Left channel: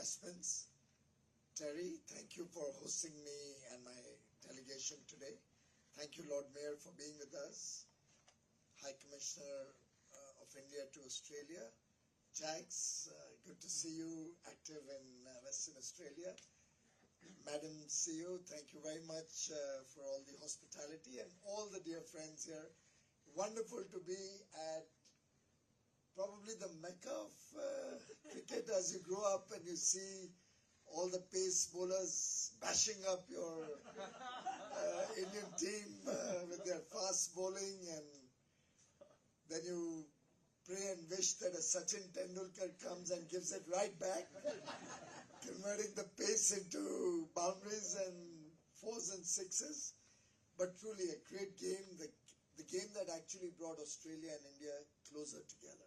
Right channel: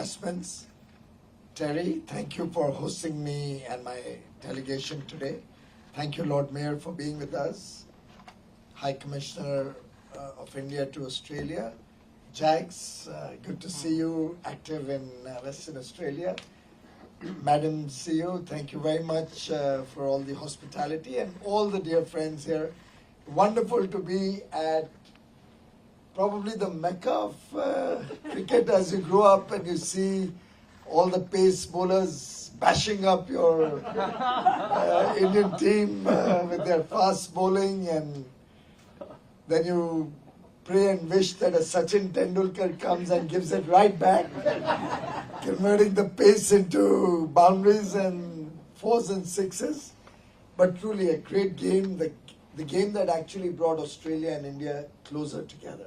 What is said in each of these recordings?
Investments. Terry, thank you for hosting me and my delegation today. Thank you, Lord Mayor, for being with us. High Commissioner of India to Australia. Jags, good to see you active in Western Australia. Madam CEO, thank you very much for all the hospitality and all the dear friends here. Wonderful to be at probably the mecca of cricket as you grow up and you see all the pace bowlers bashing up your Indian team with their fast bowling, and then you pray and wish that a Sachin Tendulkar comes and gives it right back, converting the pace into boundaries and fours and sixes. But truly a great game, the game that actually brought Australia and India closer together.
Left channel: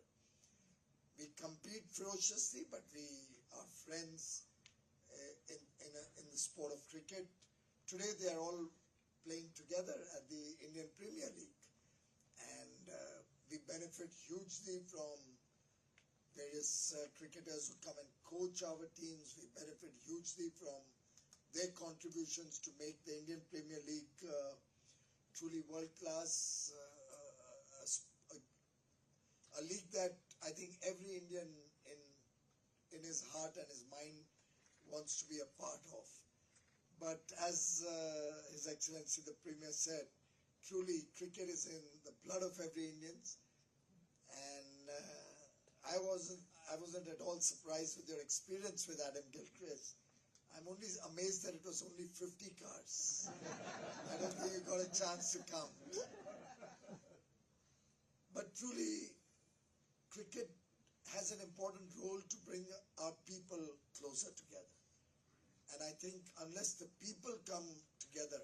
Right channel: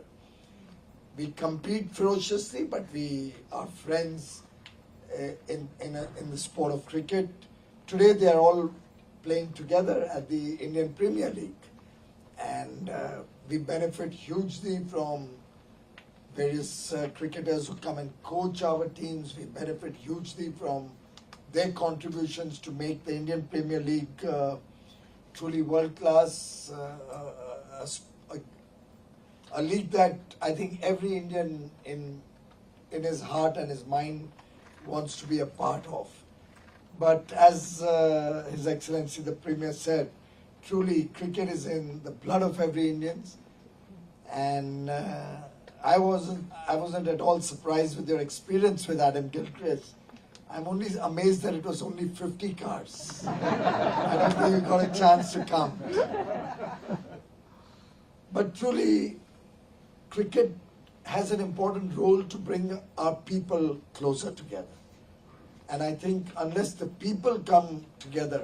We compete ferociously, but we are friends in the sport of cricket. Today they are all playing together at the Indian Premier League, and we benefit hugely from various cricketers who come and coach our teams. We benefit hugely from their contributions to make the Indian Premier League truly world class, a league that I think every Indian in his heart and his mind wants to be a part of. But as His Excellency the Premier said, truly cricket is in the blood of every Indian, and I wasn't at all surprised with your experience with Adam Gilchrist. I'm only amazed that it was only 50 cars. I don't think you got a chance to count. But truly, cricket has an important role to bring our people closer together. And I think unless the people come together,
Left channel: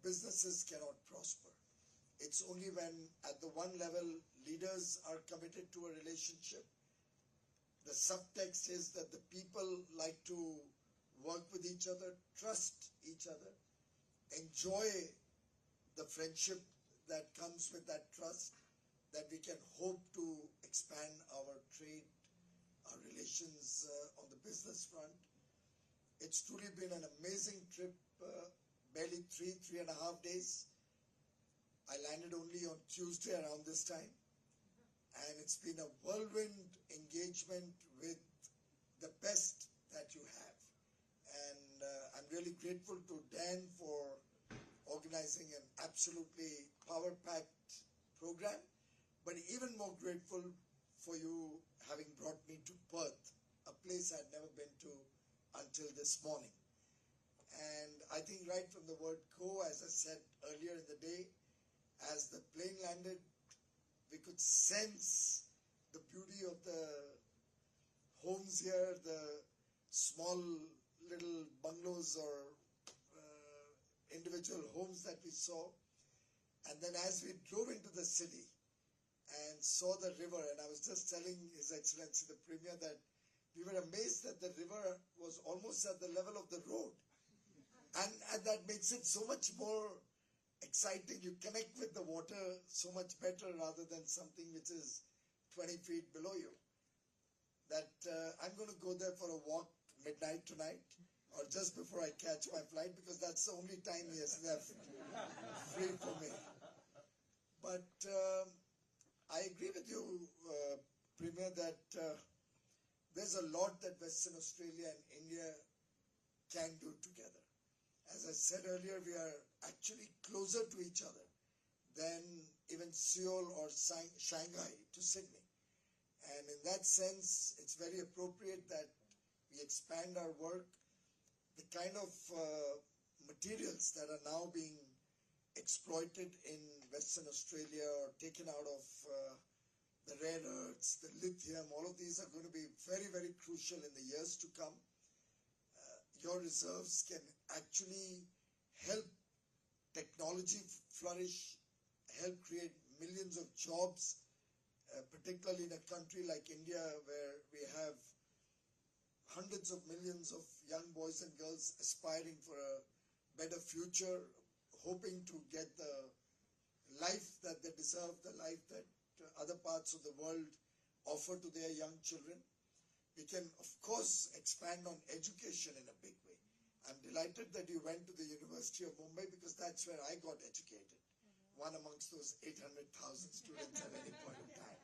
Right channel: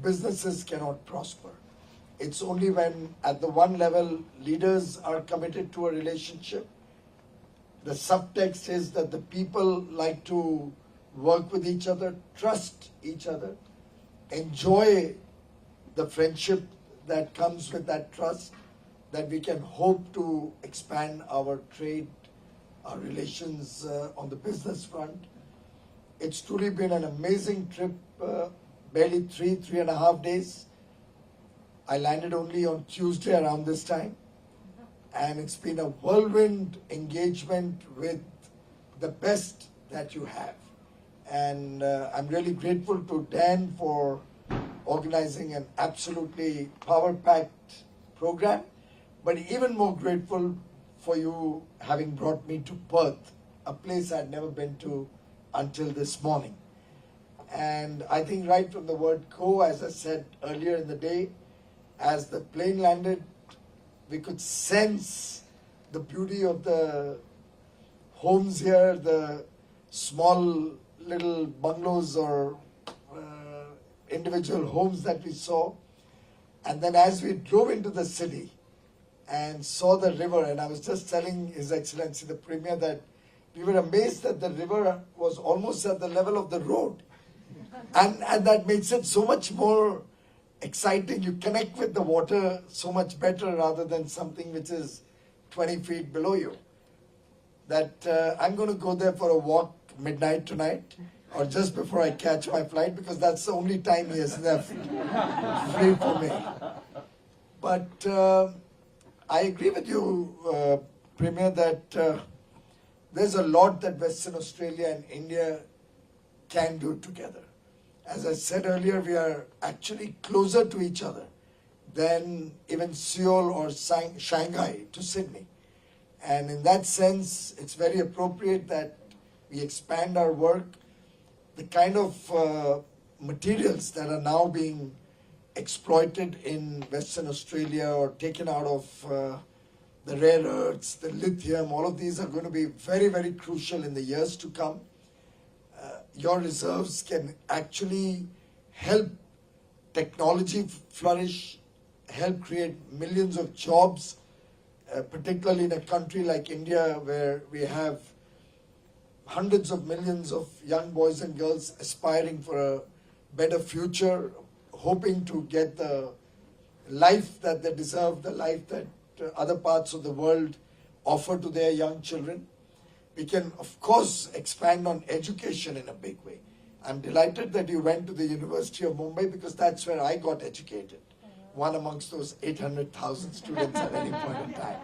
businesses cannot prosper. It's only when at the one level leaders are committed to a relationship. The subtext is that the people like to work with each other, trust each other, enjoy the friendship that comes with that trust, that we can hope to expand our trade, our relations on the business front. It's truly been an amazing trip, barely 3.5 days. I landed only on Tuesday around this time, and it's been a whirlwind engagement with the best that you have. And I'm really grateful to Dan for organizing an absolutely power-packed program, but even more grateful for you having brought me to Perth, a place I'd never been to until this morning. And I think right from the word go, as I said earlier in the day, as the plane landed, we could sense the beauty of the homes here, the small little bungalows or individual homes that we saw. And then as we drove into the city and saw the river, and I was just telling His Excellency the Premier that we were amazed that the river was almost at the level of the road. And that makes it so much more exciting. You connect with the water so much better rather than something which is 20 feet below you. That I'm going to go there for a walk midnight tonight, or just before I catch my flight, because that's the only time he has left free for me. But I agree with you, Premier, that there's a lot that Western Australia and India can do together. As I said earlier, we are actually closer to each other than even Seoul or Shanghai to Sydney. And in that sense, it's very appropriate that we expand our work. The kind of materials that are now being exploited in Western Australia or taken out of the rare earths, the lithium, all of these are going to be very, very crucial in the years to come. Your reserves can actually help technology flourish, help create millions of jobs, particularly in a country like India where we have hundreds of millions of young boys and girls aspiring for a better future, hoping to get the life that they deserve, the life that other parts of the world offer to their young children. we can, of course, expand on education in a big way. I'm delighted that you went to the University of Mumbai because that's where I got educated. One amongst those 800,000 students at any point in time.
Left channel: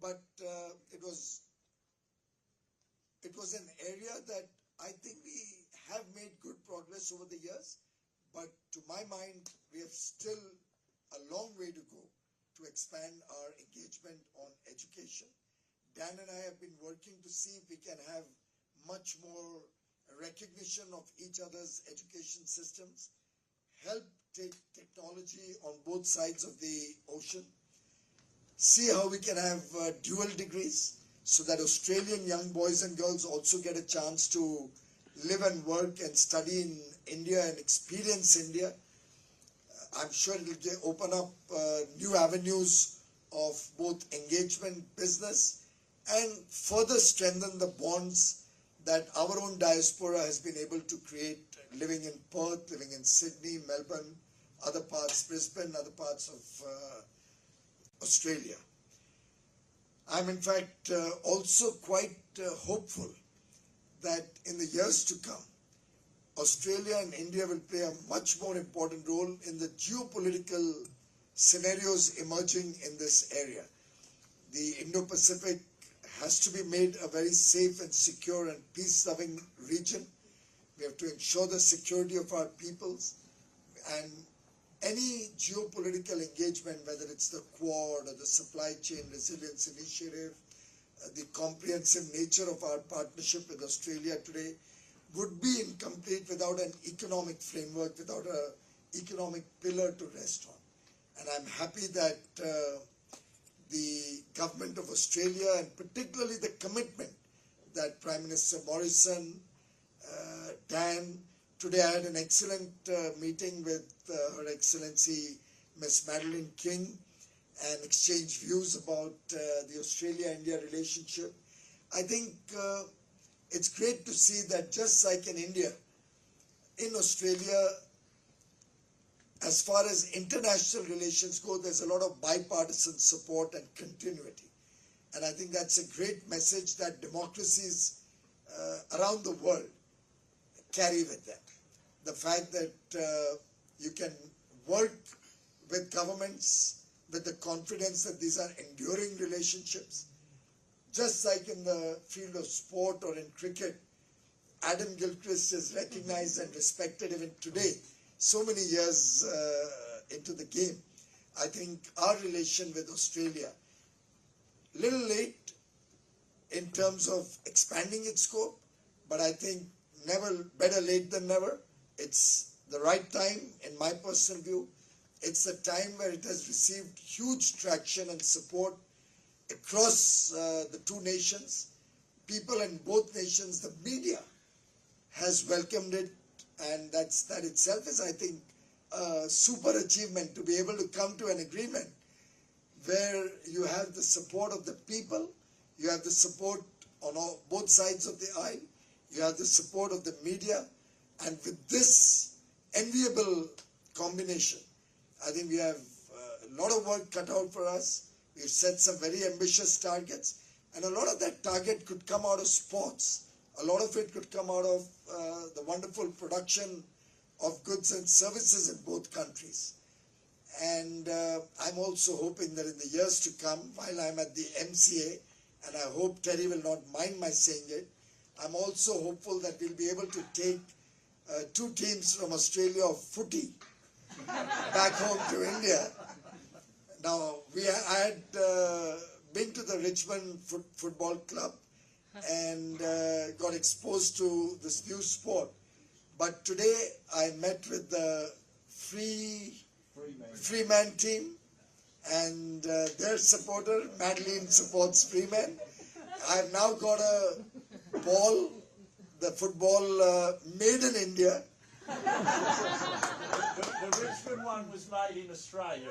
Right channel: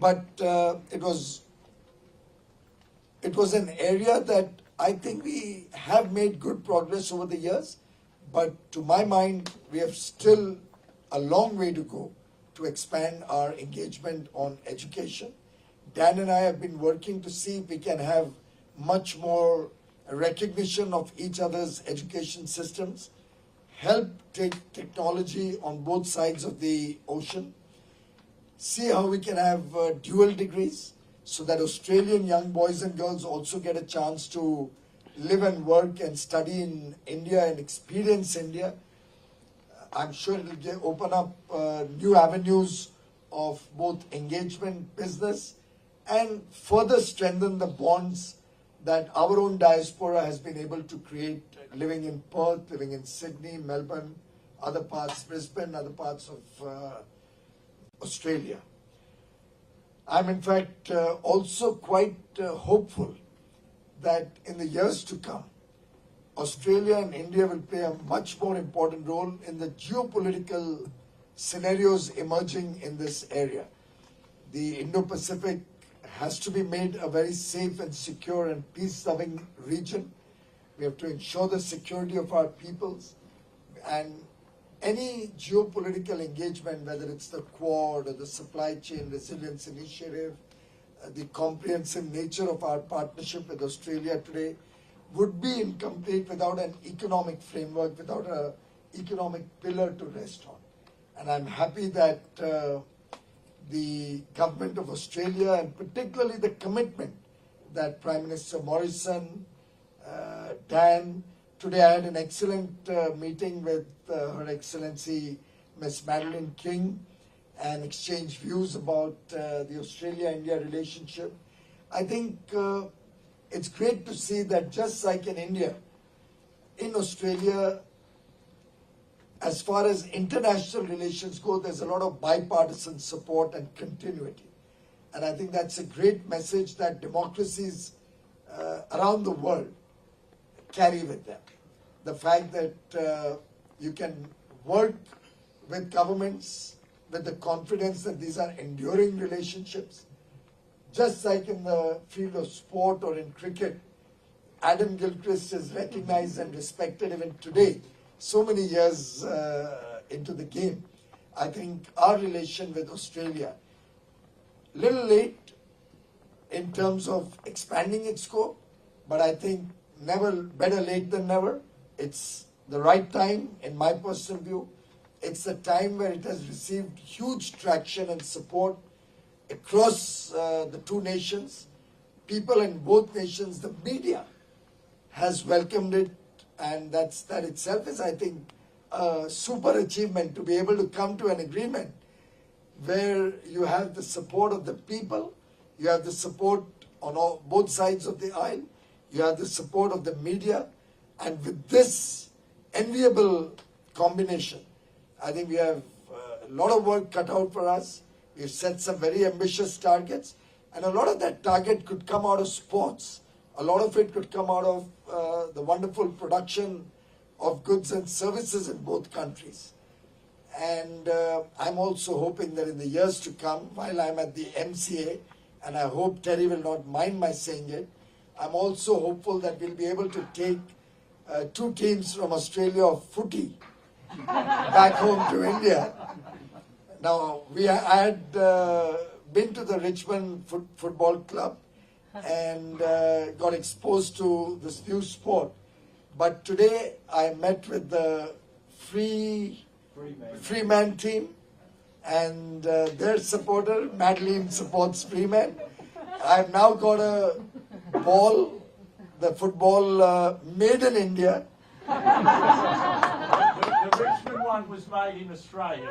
But it was an area that I think we have made good progress over the years. But to my mind, we have still a long way to go to expand our engagement on education. Dan and I have been working to see if we can have much more recognition of each other's education systems, help take technology on both sides of the ocean, see how we can have dual degrees so that Australian young boys and girls also get a chance to live and work and study in India and experience India. I'm sure it will open up new avenues of both engagement, business, and further strengthen the bonds that our own diaspora has been able to create, living in Perth, living in Sydney, Melbourne, other parts, Brisbane, other parts of Australia. I'm in fact also quite hopeful that in the years to come, Australia and India will play a much more important role in the geopolitical scenarios emerging in this area. The Indo-Pacific has to be made a very safe and secure and peace-loving region. We have to ensure the security of our peoples, and any geopolitical engagement, whether it's the Quad or the Supply Chain Resilience Initiative, the comprehensive nature of our partnership with Australia today, would be incomplete without an economic framework, without an economic pillar to rest on. And I'm happy that the government of Australia, and particularly the commitment that Prime Minister Morrison, Dan, today I had an excellent meeting with Her Excellency Miss Madeline King and exchanged views about the Australia-India relationship. I think it's great to see that just like in India, in Australia, as far as international relations go, there's a lot of bipartisan support and continuity. And I think that's a great message that democracies around the world carry with them. The fact that you can work with governments with the confidence that these are enduring relationships. Just like in the field of sport or in cricket, Adam Gilchrist is recognized and respected even today, so many years into the game. I think our relation with Australia, little late in terms of expanding its scope, but I think never better late than never. It's the right time, in my personal view. It's a time where it has received huge traction and support across the two nations. People in both nations, the media has welcomed it, and that itself is, I think, a super achievement to be able to come to an agreement where you have the support of the people, you have the support on both sides of the aisle, you have the support of the media, and with this enviable combination, I think we have a lot of work cut out for us. We've set some very ambitious targets, and a lot of that target could come out of sports. A lot of it could come out of the wonderful production of goods and services in both countries. And I'm also hoping that in the years to come, while I'm at the MCA, and I hope Terry will not mind my saying it, I'm also hopeful that we'll be able to take two teams from Australia of footy back home to India. Now, I had been to the Richmond Football Club and got exposed to this new sport. But today I met with the Freeman team, and their supporter, Madeline, supports Freeman. I've now got a ball, the football made in India. The Richmond one was made in Australia.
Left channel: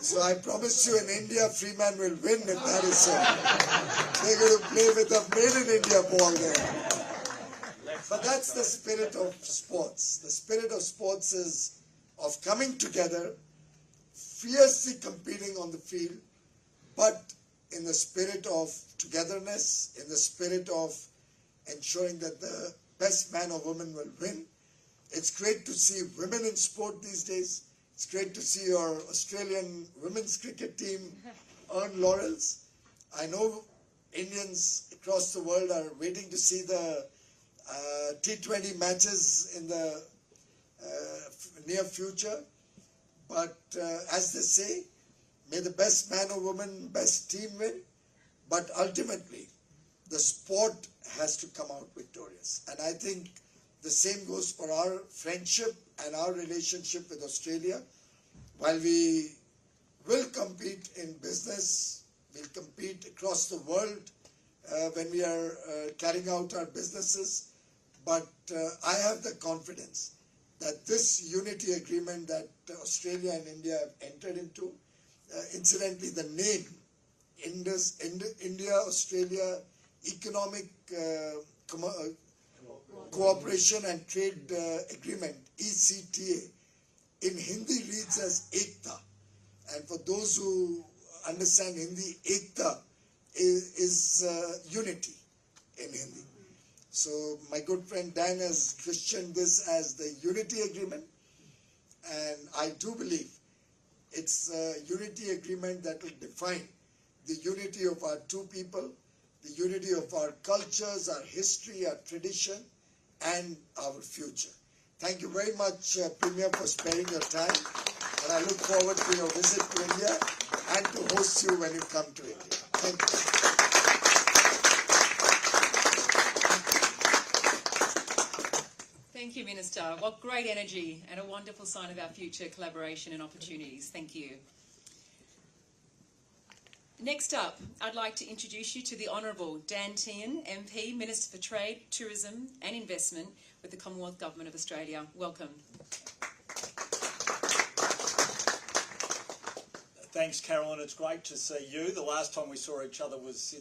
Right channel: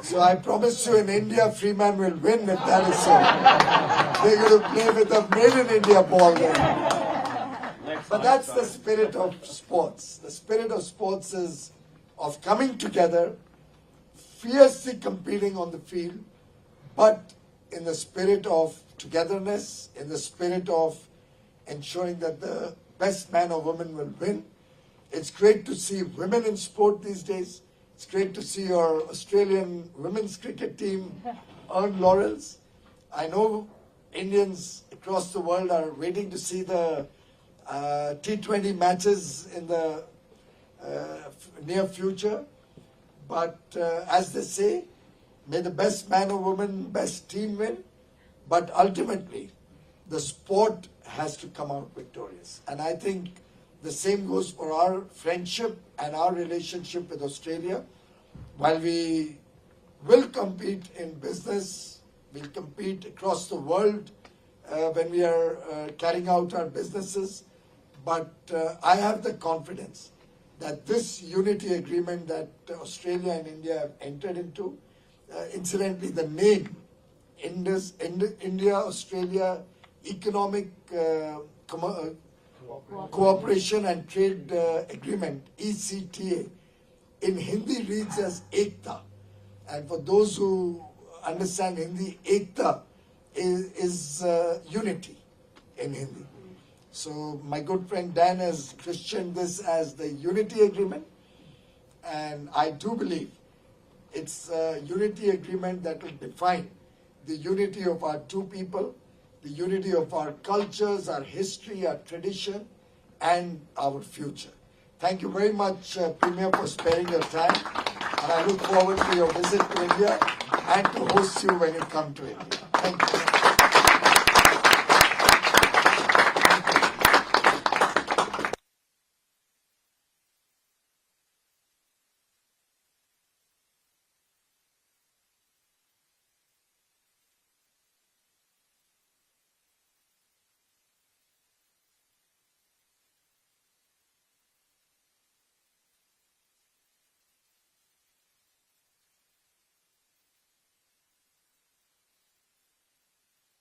So I promise you in India, Freeman will win if that is so. They're going to play with a made in India ball then. But that's the spirit of sports. The spirit of sports is of coming together, fiercely competing on the field, but in the spirit of togetherness, in the spirit of ensuring that the best man or woman will win. It's great to see women in sport these days. It's great to see our Australian women's cricket team earn laurels. I know Indians across the world are waiting to see the T20 matches in the near future. But as they say, may the best man or woman, best team win. But ultimately, the sport has to come out victorious. And I think the same goes for our friendship and our relationship with Australia. While we will compete in business, we'll compete across the world when we are carrying out our businesses. But I have the confidence that this unity agreement that Australia and India have entered into, incidentally, the name India-Australia Economic Cooperation and Trade Agreement, ECTA, in Hindi reads as Ekta. And for those who understand Hindi, Ekta is unity in Hindi. So my good friend Dan has christened this as the Unity Agreement, and I do believe it's a unity agreement that will define the unity of our two people, the unity of our cultures, our history, our tradition, and our future. Thank you very much, Premier, for sparing your time, and I look forward to your visit to India and to host you when you come to India. Thank you. Thank you, Minister. What great energy and a wonderful sign of our future collaboration and opportunities. Thank you. Next up, I'd like to introduce you to the Honourable Dan Tehan, MP, Minister for Trade, Tourism and Investment with the Commonwealth Government of Australia. Welcome. Thanks, Carolyn. It's great to see you. The last time we saw each other was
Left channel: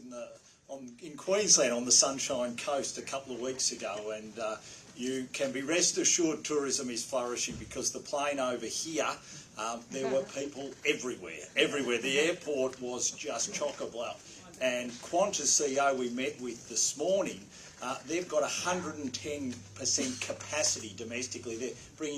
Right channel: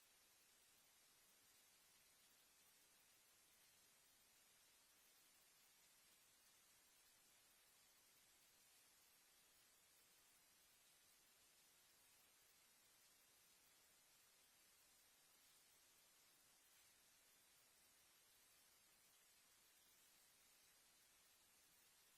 in Queensland on the Sunshine Coast a couple of weeks ago, and you can be rest assured tourism is flourishing, because the plane over here, there were people everywhere. The airport was just chock-a-block. And Qantas CEO we met with this morning, they've got 110% capacity domestically. They're bringing